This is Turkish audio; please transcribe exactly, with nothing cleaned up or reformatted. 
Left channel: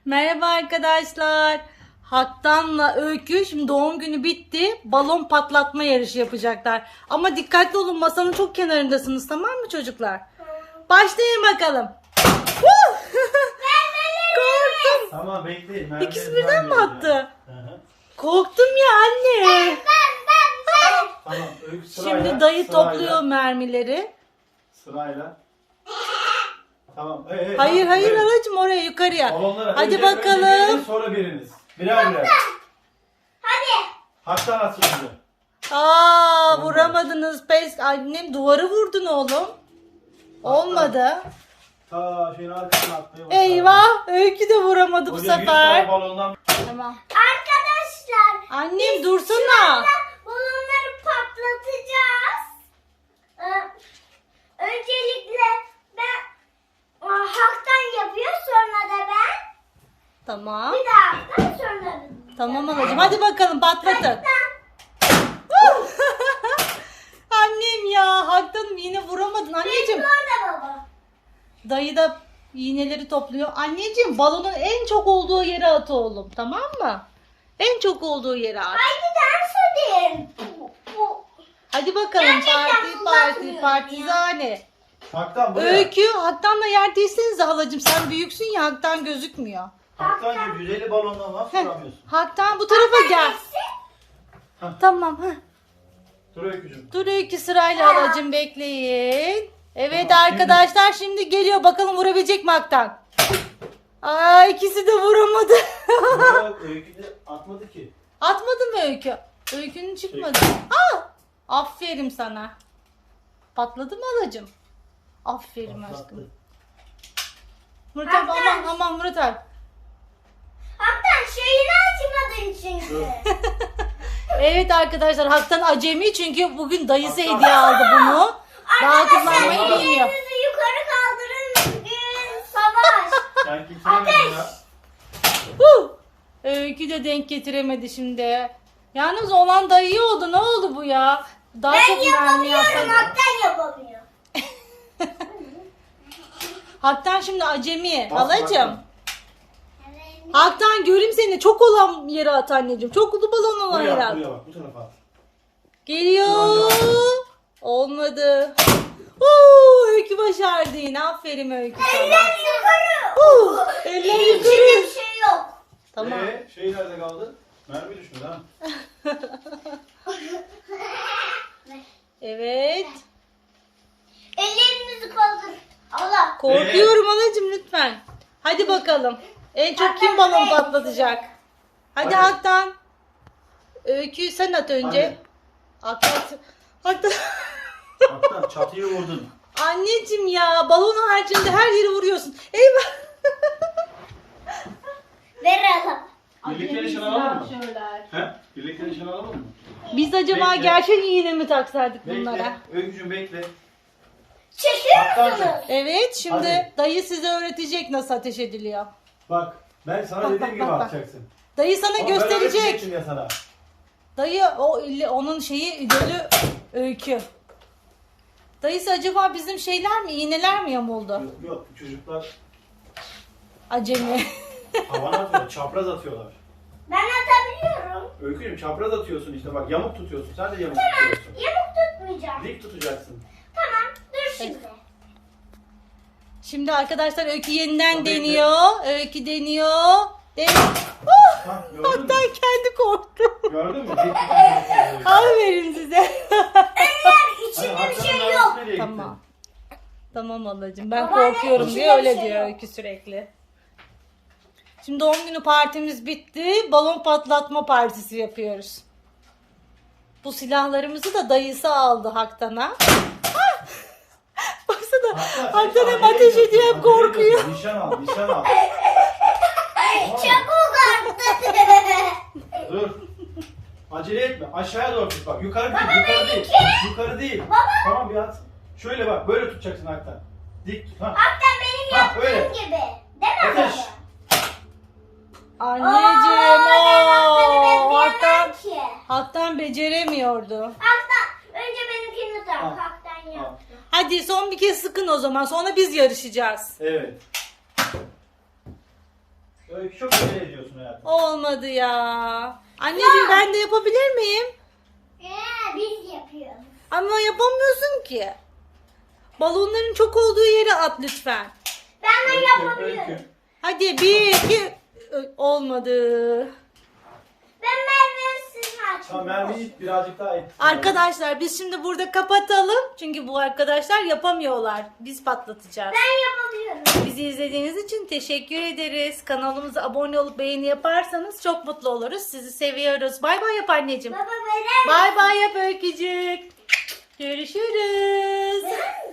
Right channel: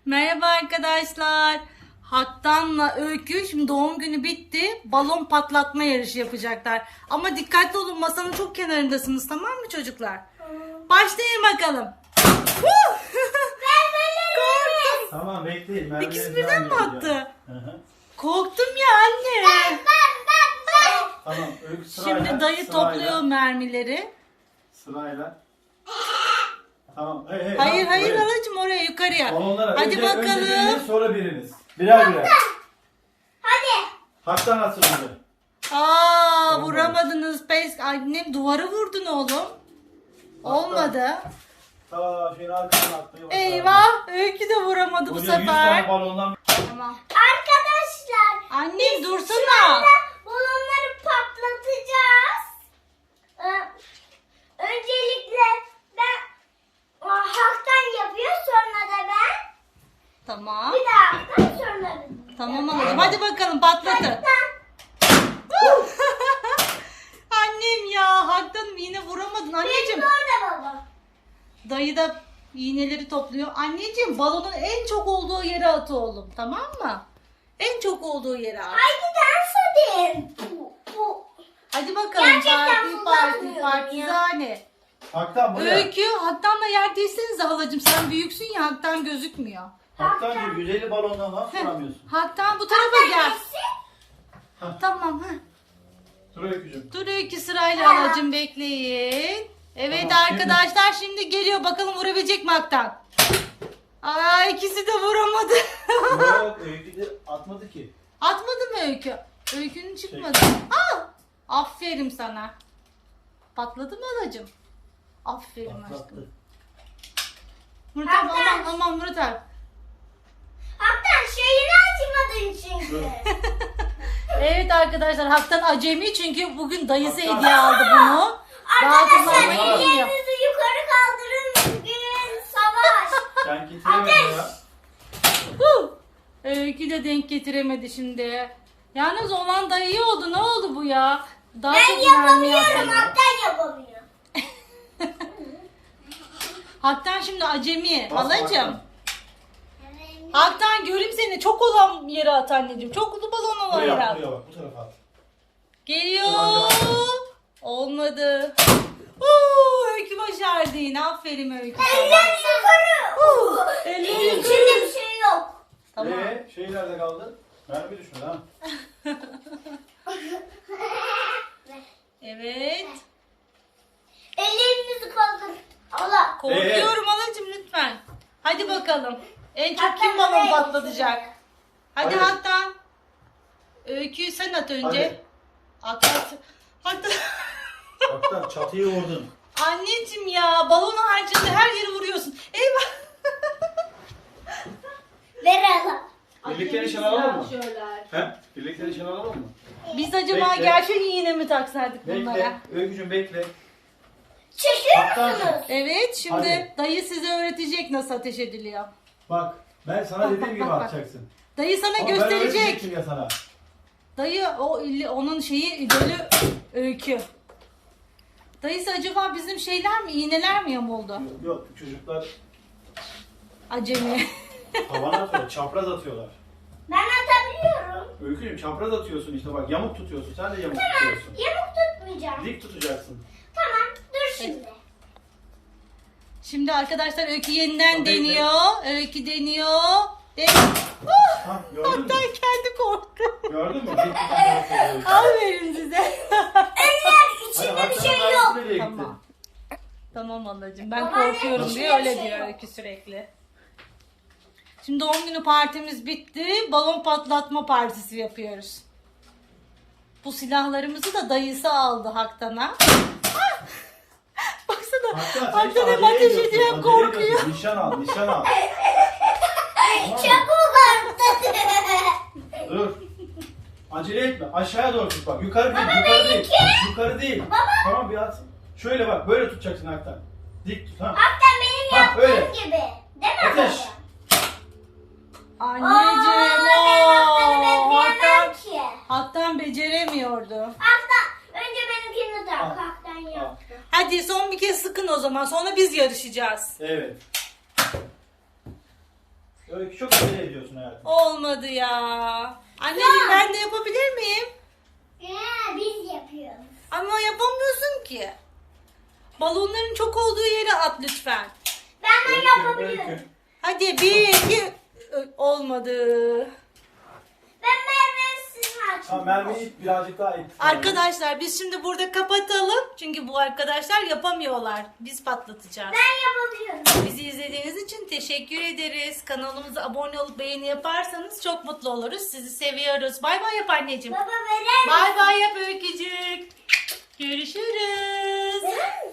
Merhaba arkadaşlar. Haktan'la Öykü şimdi doğum günü bitti. Balon patlatma yarışı yapacaklar. Ama dikkatli olun, masanın çok kenarındasınız, tamam mı çocuklar? Başlayın bakalım. Korktum. Tamam bekleyin. Ben İkisi de- birden ben mi yapacağım. attı? Hı hı. Korktum ya anne. Tamam. Öykü sırayla. Şimdi dayı sırayla, topluyor mermileri. Sırayla. Tamam. Hey, hey, Hayır bak, hayır buyurun. halacığım, oraya yukarıya. Balonlara Hadi önce- bakalım. Önce biriniz, sonra biriniz. Birer birer. Hadi. Haktan atsın önce. Aa, Olmadı. vuramadınız. Pes. Annem duvarı vurdun oğlum. Olmadı. Ta şöyle arkasına atmayı başardı. Eyvah, Öykü de vuramadı bu Hocam yüz sefer. tane balondan. Tamam. Arkadaşlar. Annem dursana. Sırayla balonları patlatacağız. Ee, öncelikle ben e, Haktan yapıyor, sonra da ben. Tamam. Bir daha Haktan, sonra da. Tamam anneciğim. Hadi bakalım patlatın. Haktan. Annem ya, hakikaten yine vuramadın anneciğim. Benim orada baba. Dayı da iğneleri topluyor. Anneciğim, balonun en çok olduğu yere at oğlum, tamam mı? En çok olduğu yere at. Haydi dans edin. Bu, bu. Hadi bakalım, Gerçekten parti parti fırlatmıyorum partizane. Haktan buraya. Öykü, Haktan'la yer değilsenize halacığım, sen büyüksün ya, Haktan gözükmüyor. Haktan diyor yüz elli balondan nasıl Heh, vuramıyorsun? Haktan bu tarafa gel. Heh. Tamam. Heh. Dur Öykücüğüm. Dur Öykü, sırayla halacığım, bekleyin. Evet Tamam, arkadaşlar, şimdi geliyor, bakalım vurabilecek mi Haktan? Aa, ikisi de vuramadı. Yok Öykü de atmadı ki. Atmadı mı Öykü? Öykünün çıkmadı. Aa, aferin sana. Patladı mı halacığım? Aferin Patlattı. aşkım. Murat abi, aman aman Murat abi. Haktan şeyini açmadın çünkü. Evet arkadaşlar, Haktan acemi çünkü bugün dayısı Haktan. hediye aldı bunu. Arkadaşlar Rahatlıkla bilmiyor. ellerinizi yukarı kaldırın. Gün savaş. Sen getiremedin ya. Huh! Öykü de denk getiremedi şimdi. Yalnız olan da iyi oldu. Ne oldu bu ya? Daha Ben çok mermi yapamıyorum, yapsaydı. Haktan yapamıyor. Haktan şimdi acemi. Bas Halacığım. bakalım. Haktan, göreyim seni. Çok olan yere at anneciğim. Çok ulu balon olan yere Buraya at. buraya bak bu tarafa at. Geliyor. Olmadı. Uuu, Öykü başardı yine. Aferin Öykü sana. Eller yukarı. Uh, elleri Benim içinde yukarı. bir şey yok. Tamam. Ee, şey nerede kaldı? Mermi düşmedi ha. Evet. Ellerinizi kaldırın. Allah. Korkuyorum halacığım, lütfen. Hadi bakalım. En çok kim balon patlatacak? Hadi Hadi. Haktan. Öyküyü sen at önce. Haktan. Haktan. Haktan çatıya vurdun. Anneciğim ya, balonun haricinde her yeri vuruyorsun. Eyvah. Ver Allah. Birlikte nişan alalım mı? Söyler. He? Birlikte nişan alalım mı? Biz acaba Bekle. gerçek iğne mi taksaydık bunlara? Bekle. Öykücüğüm bekle. Çekiyor Haktan. musunuz? Evet, şimdi Hadi. dayı size öğretecek nasıl ateş ediliyor. Bak ben sana Bak, dediğim bak, gibi bak, bak. atacaksın. Dayı sana Ama ben gösterecek. öğretecektim ya sana. Dayı o illi, onun şeyi idolü Öykü. Dayısı acaba bizim şeyler mi, iğneler mi yamuldu? Yok, yok çocuklar Acemi. havana atıyor, çapraz atıyorlar. Ben atabiliyorum. Öykücüğüm çapraz atıyorsun işte bak yamuk tutuyorsun. Sen de yamuk Tamam. tutuyorsun. Yamuk tutmayacağım. Dik tutacaksın. Tamam. Dur şimdi. Şimdi arkadaşlar Öykü yeniden O bekle. deniyor. Öykü deniyor. Den oh! Ha, gördün mü? Ben kendi korktum. Gördün mü? Dik tutacaksın. Aferin size. Eller içinde bir şey yok. Tamam. Tamam ablacığım, ben Babaanne, korkuyorum içinde diye bir öyle şey diyor yok. Öykü sürekli. Şimdi doğum günü partimiz bitti. Balon patlatma partisi yapıyoruz. Bu silahlarımızı da dayısı aldı Haktan'a. Ah! Baksana. Haktan hem ateş ediyor hem korkuyor. Nişan al, nişan al. Tamam mı? Çabuk artık. Dur. Acele etme. Aşağıya doğru tut bak. Yukarı değil, yukarı değil. Yukarı değil. Tamam biraz. Şöyle bak, böyle tutacaksın Haktan. Dik tut ha. Haktan benim Ha, yaptığım öyle. gibi. Değil mi Ateş. baba? Anneciğim. Aa, ben Haktan'ı oo, bekleyemem Haktan, ki. Haktan beceremiyordu. Haktan. Önce benimkini tak. Al. Haktan yaptı. Hadi son bir kez sıkın o zaman. Sonra biz yarışacağız. Evet. Öykü çok acele ediyorsun hayatım. Olmadı ya. Anneciğim ben de yapabilir miyim? Ee, biz yapıyoruz. Ama yapamıyorsun ki. Balonların çok olduğu yere at lütfen. Ben de Öykü, yapabiliyorum. öykü. Hadi bir, iki. Ö- Olmadı. Ben Merve'yi siz mi Tamam açtınız? mermiyi birazcık daha et. Arkadaşlar biz şimdi burada kapatalım. Çünkü bu arkadaşlar yapamıyorlar. Biz patlatacağız. Ben yapabiliyorum. Bizi izlediğiniz için teşekkür ederiz. Kanalımıza abone olup beğeni yaparsanız çok mutlu oluruz. Sizi seviyoruz. Bay bay yap anneciğim. Baba verer misin? Bay bay yap Öykücük. Görüşürüz. Verer misin?